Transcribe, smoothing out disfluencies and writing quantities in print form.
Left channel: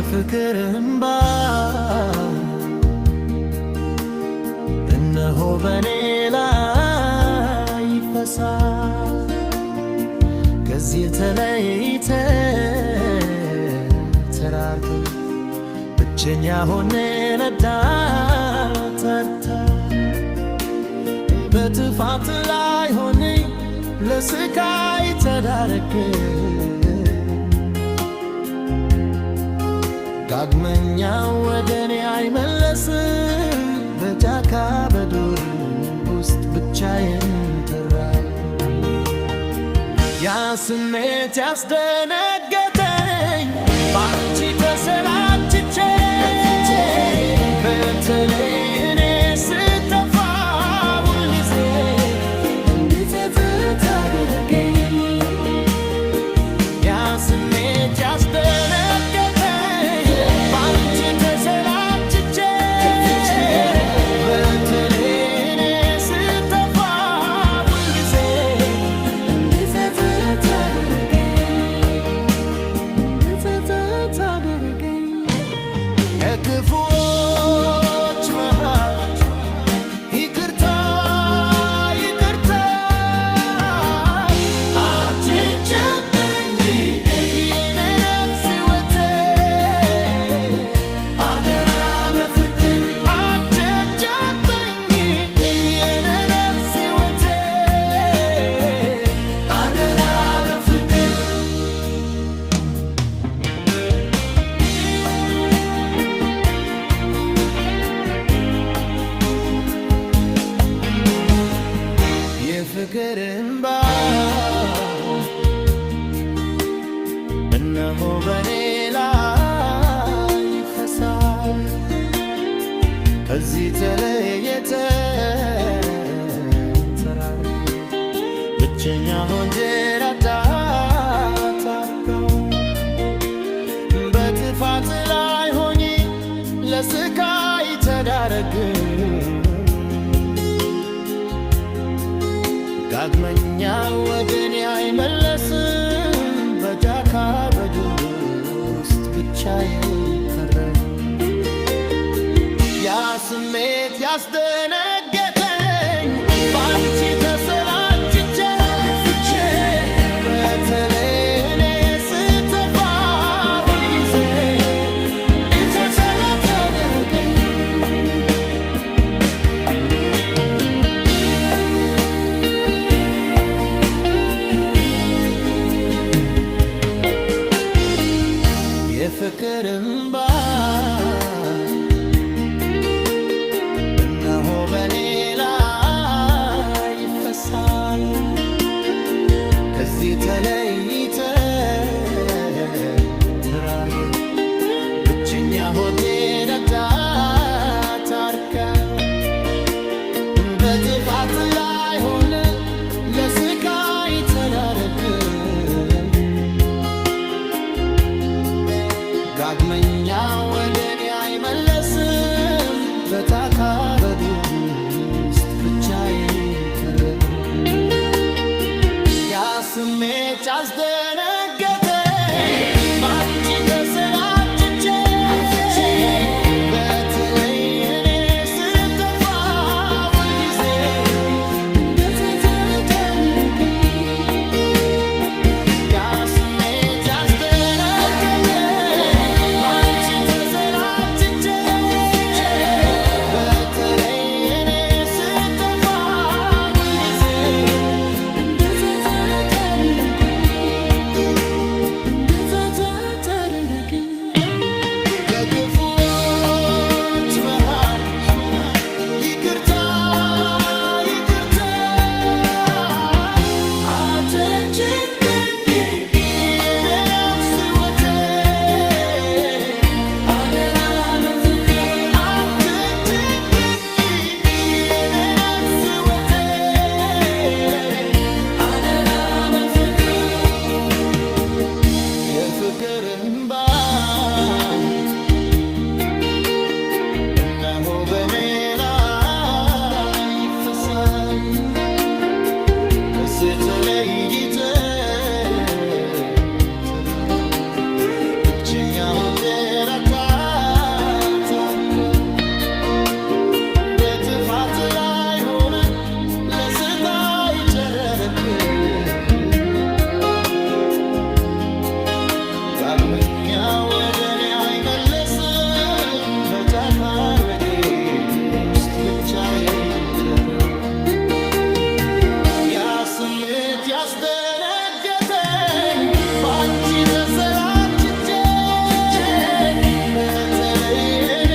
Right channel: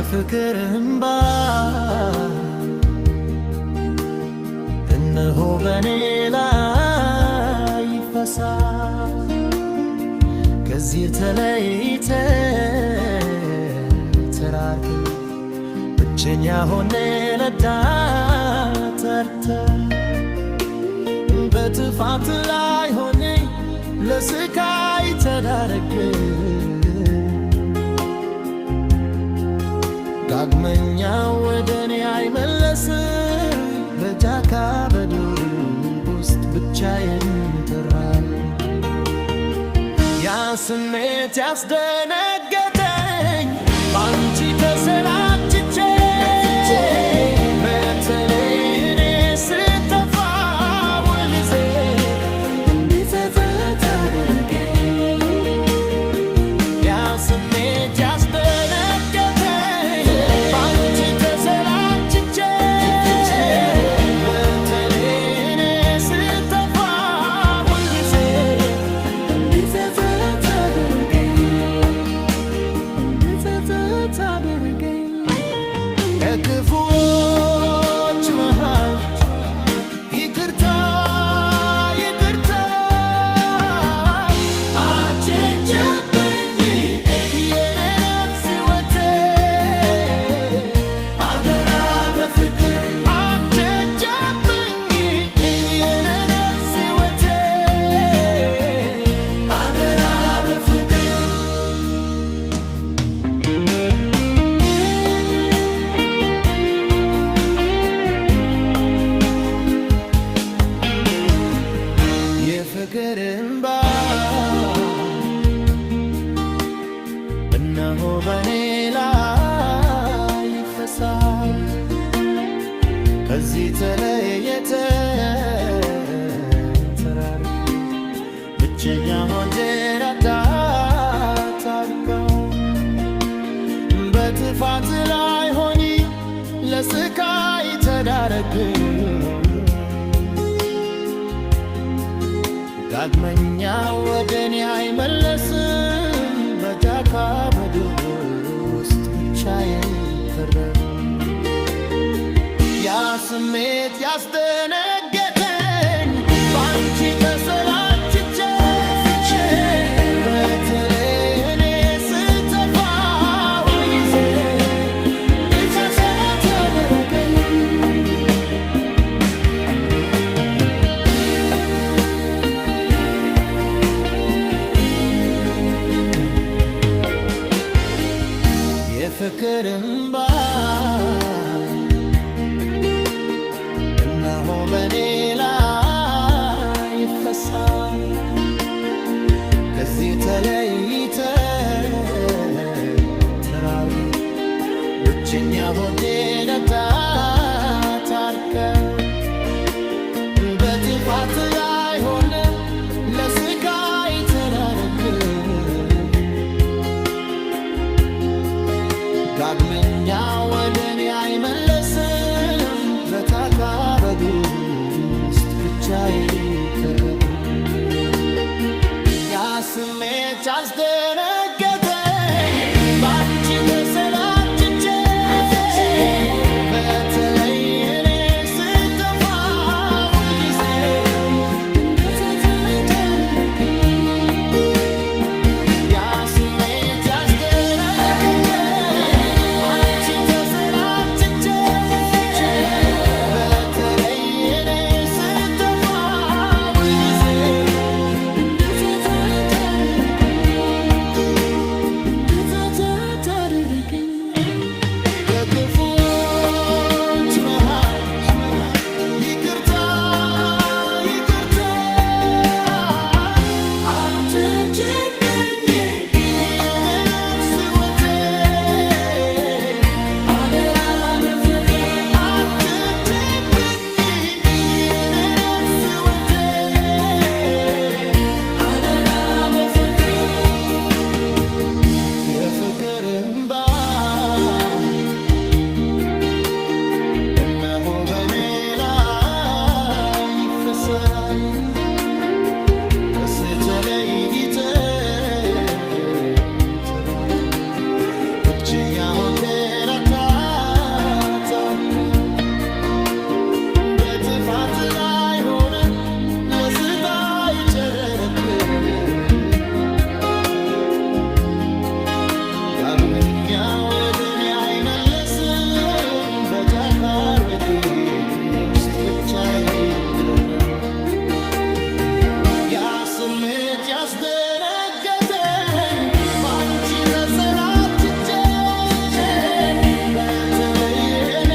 የፍቅር እንባ እነሆ በኔ ላይ ይፈሳል። ከዚህ ተለይተን ተራርቀን ብቸኛ ሆኜ ለዳተርተን በጥፋት ላይ ሆኜ ለስቃይ ተዳረግን። ዳግመኛ ወደኔ አይመለስም በጫካ በዱር ውስጥ ብቻዬን ተራብኩ። ያ ስሜት ያስደነገጠኝ ባንቺ ተሰላችቼ በተለይ እኔ ስጠፋ ሁልጊዜ እንዴት ታደርገኝ። ያ ስሜት ያስደነገጠኝ ባንቺ ተሰላችቼ በተለይ እኔ ስጠፋ ሁልጊዜ እንዴት ታደርገኝ። ከክፉዎች መሃል ይቅርታ ይቅርታ አትጨክኝ የኔ ነፍስ ሕይወቴ አደራ በፍቅር አትጨክኝ የኔ ነፍስ ሕይወቴ አደራ በፍቅር የፍቅር እንባ እነሆ በኔ ላይ ይፈሳል። ከዚህ ተለይተን ተራርቀን ብቸኛ ሆኜ ታርከው በጥፋት ላይ ሆኜ ለስቃይ ተዳረግን። ዳግመኛ ወደኔ አይመለስም በጫካ በዱር ውስጥ ብቻዬን ቀረሁ። ያ ስሜት ያስደነገጠኝ ባንቺ ተሰላችቼ በተለይ እኔ ስጠፋ ሁልጊዜ ተደረገኝ። የፍቅር እንባ እነሆ በኔ ላይ ይፈሳል። ከዚህ ተለይተን ተራርቀን ብቸኛ ሆኜ ታርከው በጥፋት ላይ ሆነን ለስቃይ ተዳረግን። ዳግመኛ ወደኔ አይመለስም በጫካ በዱር ውስጥ ብቻዬን ቀረሁ። ያ ስሜት ያስደነገጠኝ ባንቺ ተሰላችቼ በተለይ እኔ ስጠፋ ሁልጊዜ እንዴት ታደርገኝ። ያ ስሜት ያስደነገጠኝ ባንቺ ተሰላችቼ በተለይ እኔ ስጠፋ ሁልጊዜ እንዴት ታደርገኝ። ከክፉዎች መሃል ይቅርታ ይቅርታ አትጨክኝ የኔ ነፍስ ሕይወቴ አደራ በፍቅር አትጨክኝ የኔ ነፍስ ሕይወቴ አደራ በፍቅር የፍቅር እንባ እነሆ በኔ ላይ ይፈሳል። ከዚህ ተለይተን ተራርቀን ብቸኛ ሆቴራታ ታብከው በጥፋት ላይ ሆነ ለስታይ ቸደረክ ዳግመኛ ወደኔ አይመለስም በታካሮቴ ውስጥ ብቻዬን ብለፈር ያ ስሜት ያስደነገጠኝ ባንቺ ተሰላችቼ በተለይ እኔ